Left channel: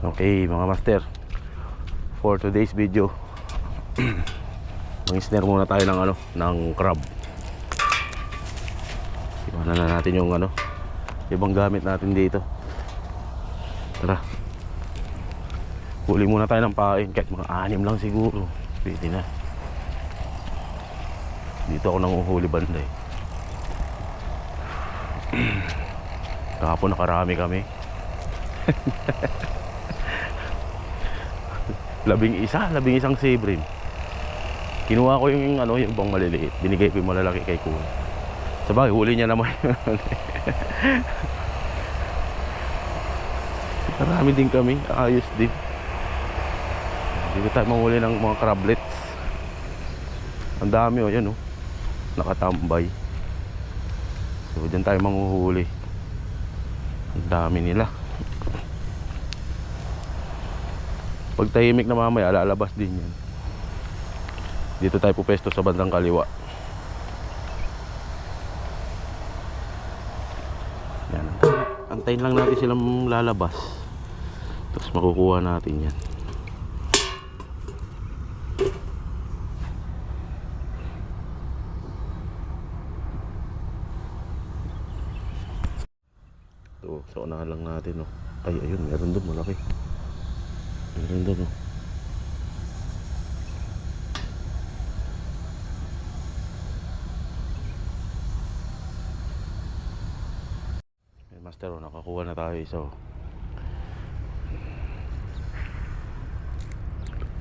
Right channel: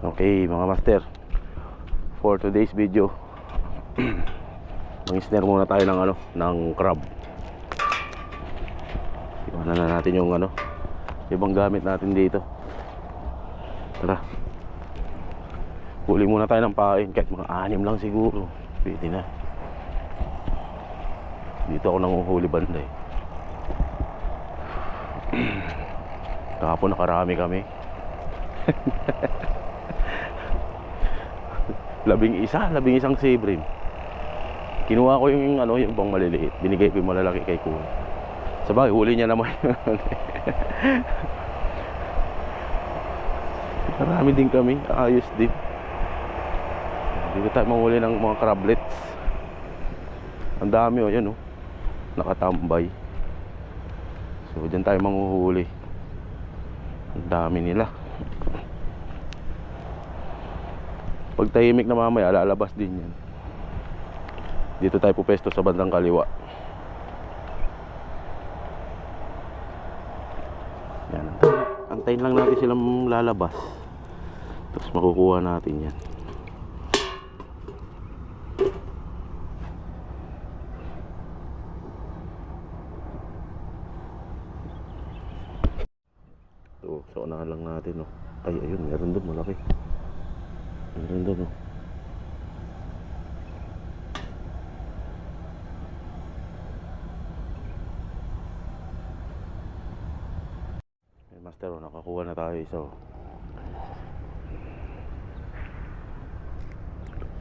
Okay mga master, for today's video mag-snare muna tayo ng ng crab. Iwanan na natin yung ibang gamit natin dito. Tara, huli muna tayo ng pain, kahit mga 6 lang siguro pwede na. Dito ako nanguhuli banda eh. Kahapon nakarami kami. 11 sibrim. Kinuha ko yung yung bang maliliit, binigay ko yung malalaki kay kuya. Sabagay, huli niya naman. Marami din kami, ayos din. Dito tayo manghuli ng mga crablets. Ang dami yan nakatambay. So dyan tayo manghuhuli. Ang dami nila. Pag tahimik na mamaya, lalabas din yan. Dito tayo pupesto sa bandang kaliwa. Yan, antayin lang natin silang lalabas, tapos makukuha natin yan. Ito, sa unahan lang natin Ay, ayun, meron doon malaki. Meron doon Master, nakakuha na tayo isa.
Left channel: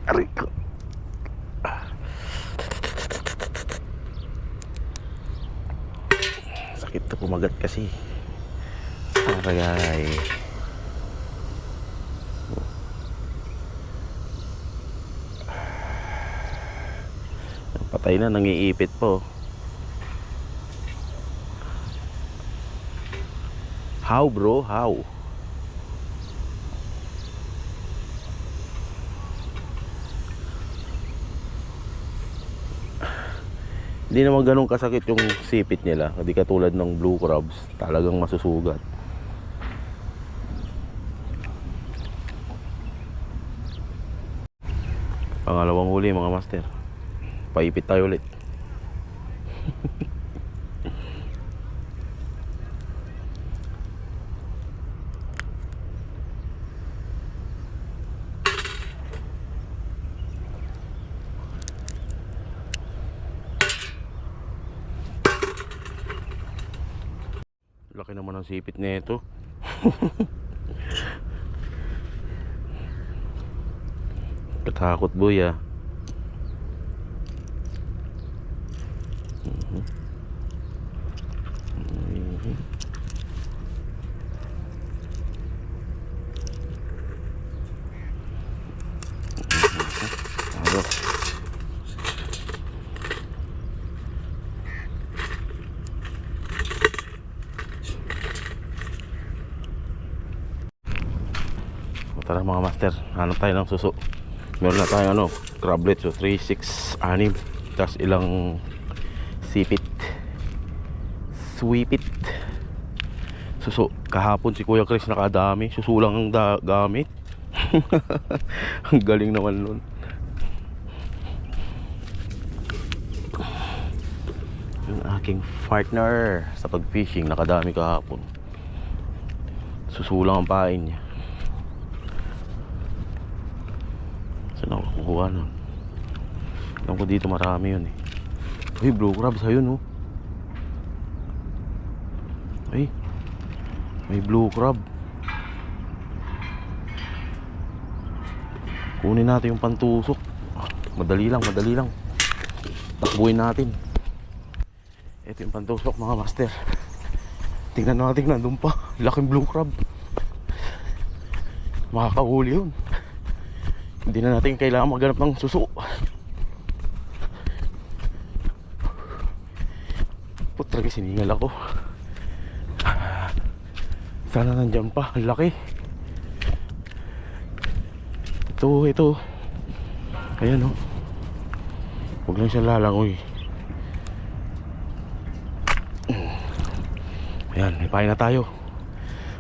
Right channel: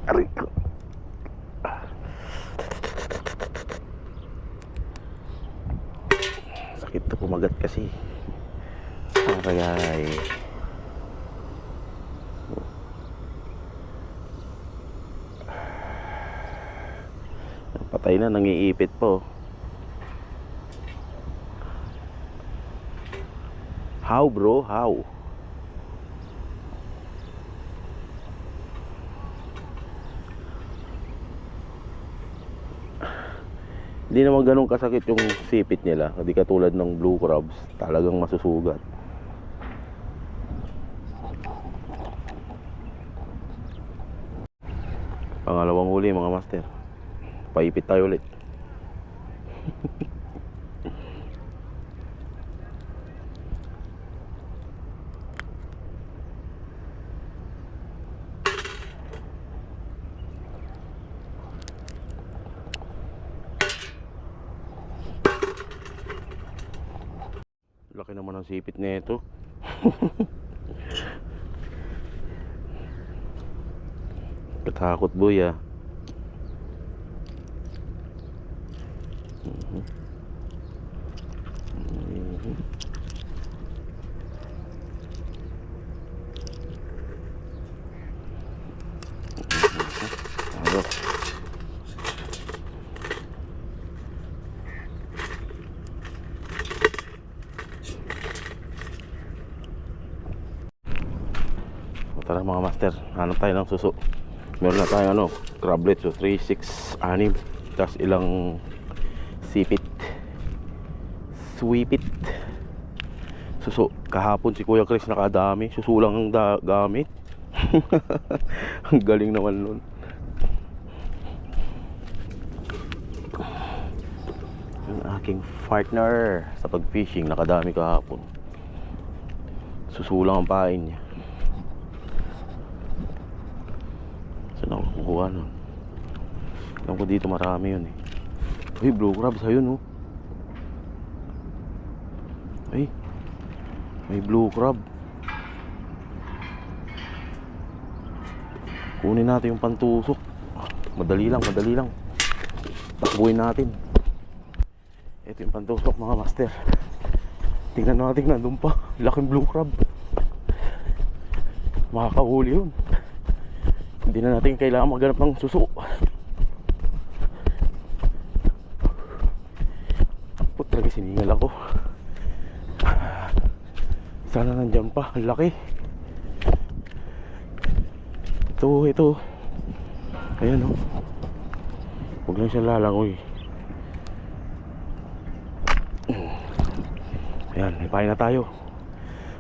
Aray ko. Sakit to, kumagat kasi. Aray. Patay na, nangiipit po. How bro? How? Hindi naman ganun kasakit yung sipit nila. Hindi katulad ng blue crabs, talagang masusugat. Pangalawang huli mga master. Paipit tayo ulit. Laki naman ang sipit nito. Katakot boy ah. Tara mga master, hanap tayo ng suso. Meron na tayo crablets, 3, 6, 6 tapos ilang sipit, sweepit, suso. Kahapon si Kuya Chris nakadami, susulang ang gamit. Ang galing naman nun. Yung aking partner sa pag-fishing, nakadami kahapon. Susulang ang pain niya. Saan ako kukuha nun? Alam ko dito marami yun eh. Uy, blue crabs ayun Ay, may blue crab. Kunin natin yung pantusok. Madali lang. Takbuhin natin. Ito yung pantusok mga master. Tingnan natin, nandun pa. Laking blue crab. Makakahuli yun. Hindi na natin kailangan maghanap ng suso. Putragi, siningal ako. Sana nandyan pa. Ang laki. Ito. Ayan huwag lang siyang lalangoy. Ayan, may pain na tayo.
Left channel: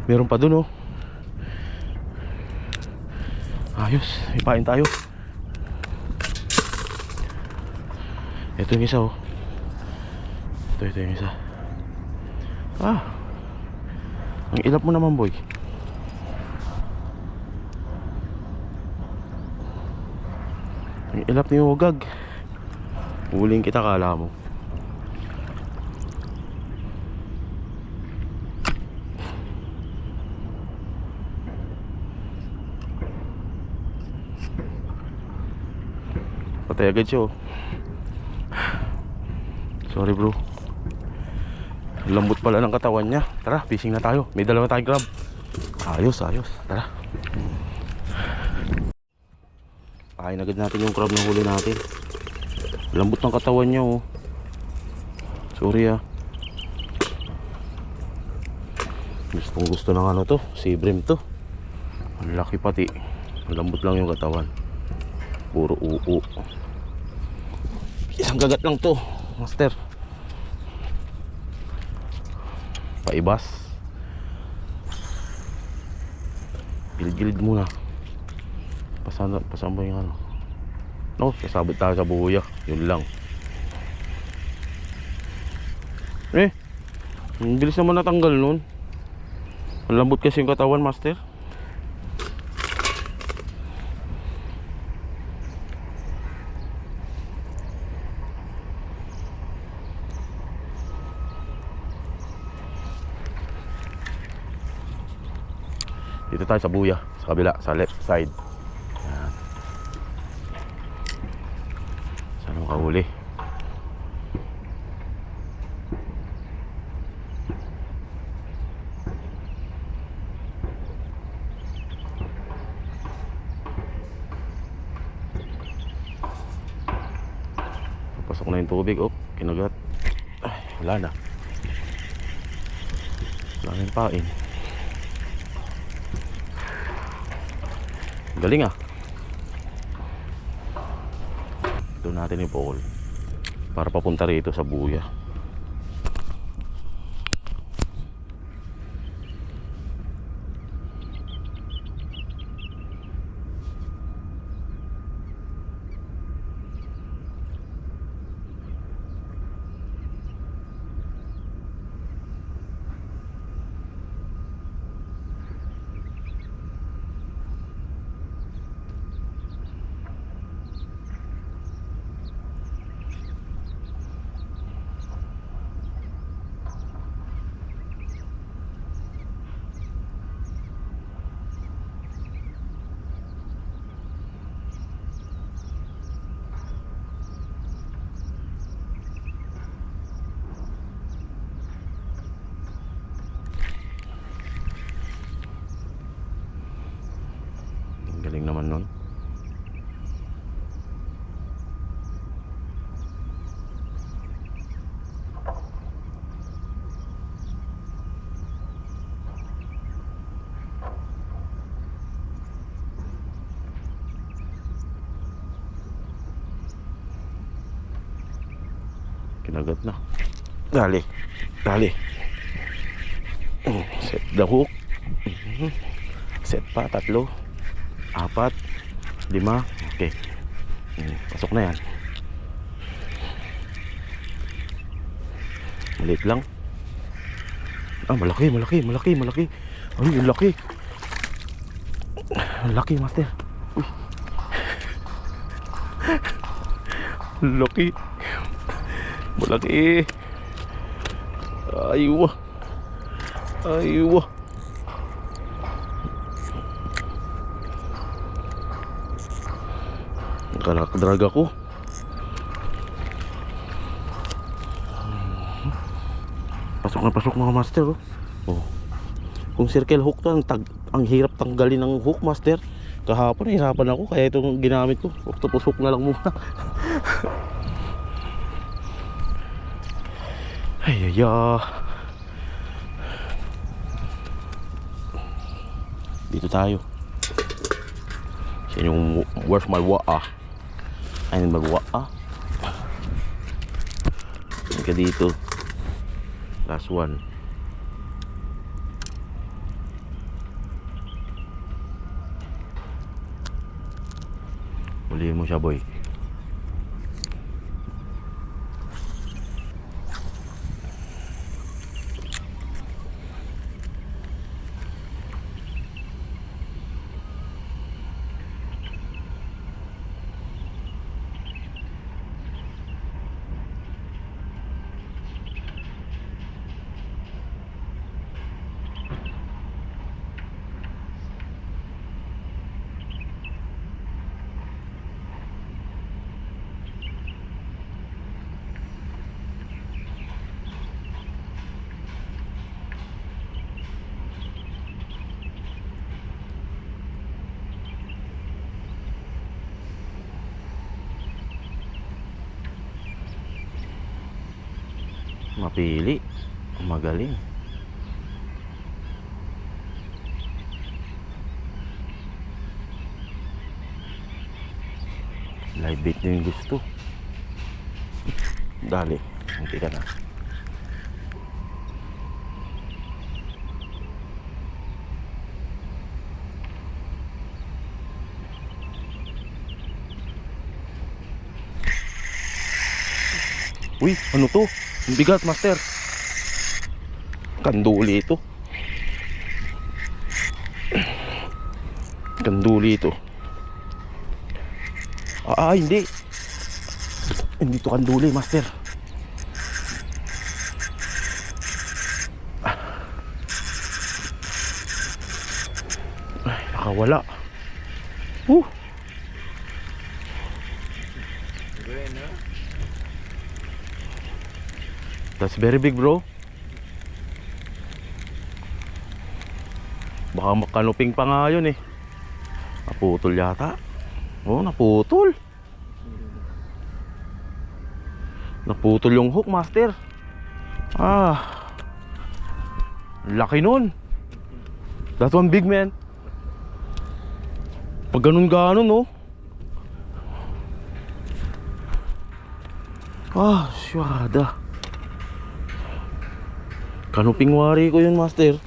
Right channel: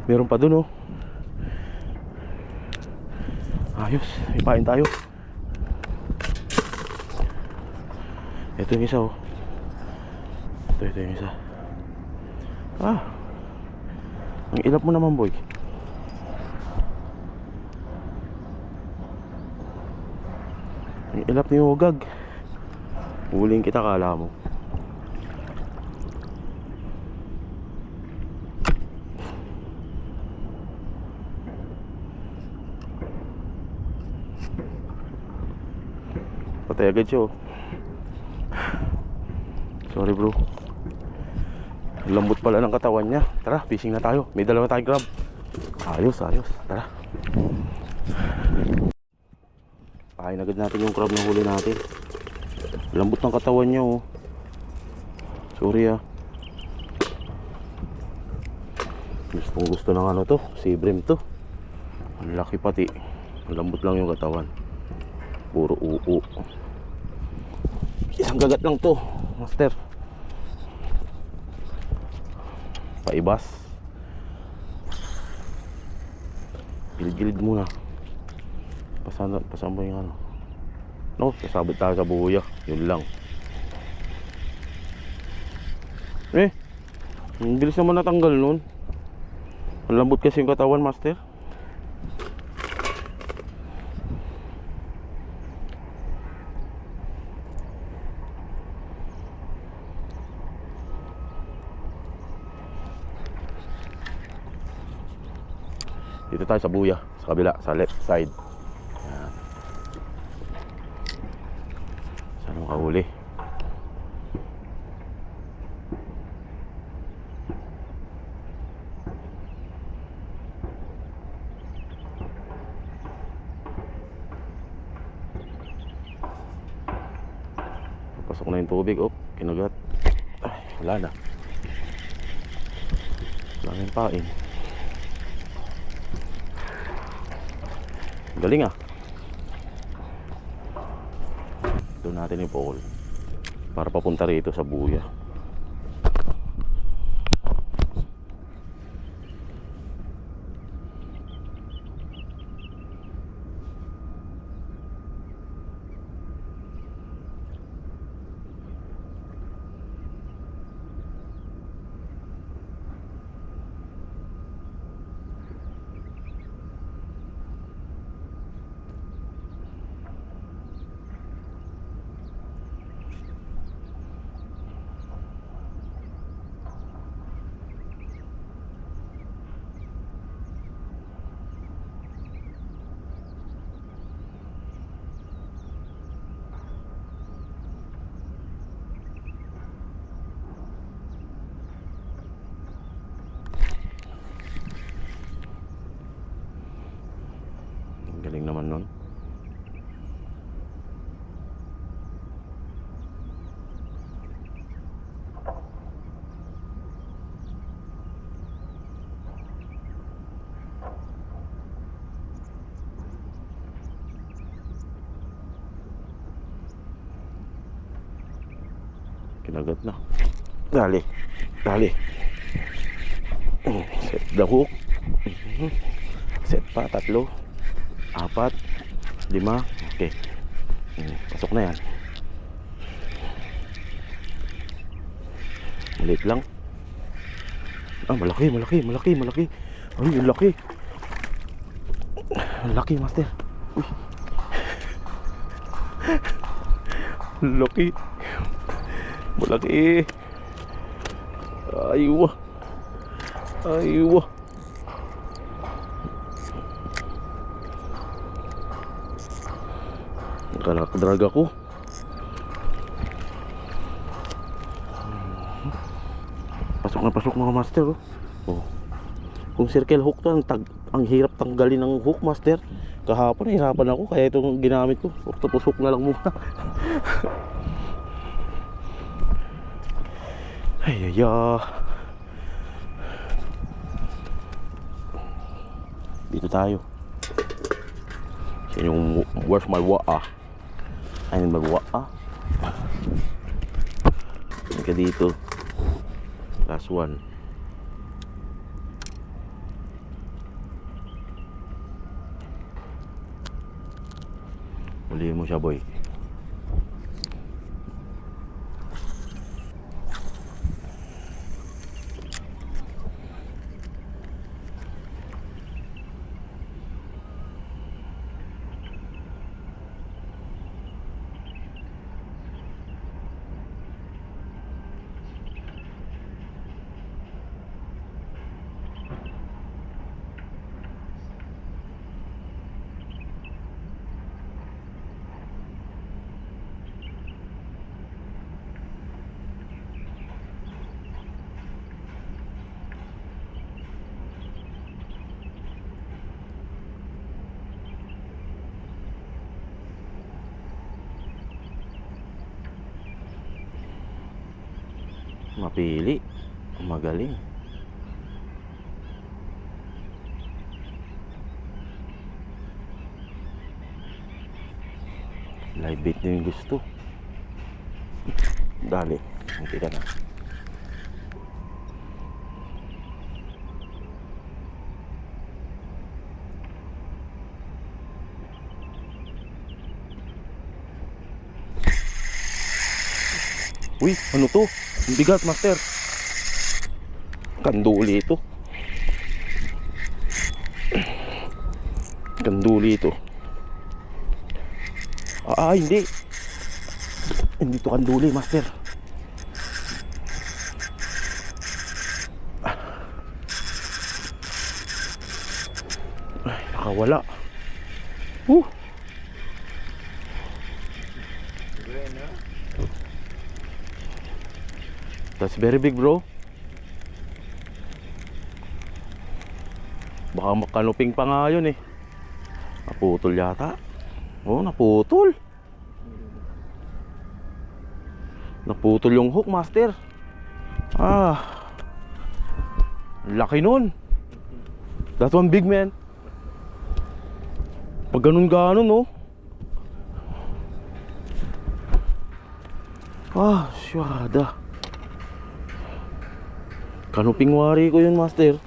Meron pa dun Ayos, ipain tayo. Ito yung isa oh. Ito yung isa. Ah, ang ilap mo naman boy. Ang ilap ni Ugag. Huling kita, kala mo. Patay agad siya oh. Sorry bro. Lambot pala ng katawan niya. Tara, fishing na tayo. May dalawa tayong crab. Ayos, ayos. Tara. Pakain agad natin yung crab na huli natin. Lambot ng katawan niya oh. Sorry ah. Gustong gusto ng ano to, sea bream to. Ang laki pati. Ang lambot lang yung katawan. Puro uu. Isang gagat lang to, master. Paibas. Gilid-gilid muna. Pasama yung ano. No, kasabit tayo sa buya. Yun lang. Ang bilis naman natanggal nun. Ang lambot kasi yung katawan, master. Dito tayo sa buya, sa kabila, sa left side. Ayan. Saan ang kahuli? Pasok na yung tubig, oh, kinagat. Ay, wala na. Wala na yung pain. Galing ah. Doon natin yung pole para papunta rito sa buya. Galing naman nun. Kinagat na. Dali. Dali. Set the hook. Set pa, 3, 4, 5. Okay. Pasok na yan. Maliit lang. Ah, malaki. Ay, ang laki. Ang laki, master. Uy. Laki. Malaki. Aywa. Nakakadrag ako. Pasok mga master oh. Oh. Kung circle hook to, ang hirap tanggalin ng hook, master. Kahapon nahirapan ako kaya itong ginamit ko. Octopus hook na lang muna. Ay. Dito tayo. Yan yung where's my wa'a. Ayun my wa'a. Hanggang dito. Last one. Huliin mo siya, boy. Mapili. Magaling. Live bait na yung gusto. Dali. Hindi ka na. Uy, ano to? Ang bigat, master. Kanduli ito. Kanduli ito. Hindi. Hindi to kanduli, master. Ay, nakawala. That's very big, bro. Baka makanuping pa nga yun eh. Naputol yata. Oh, naputol. Naputol yung hook, master. Laki nun. That one big, man. Pag ganun-ganon, oh. Syada. Kanuping wari ko yun, master.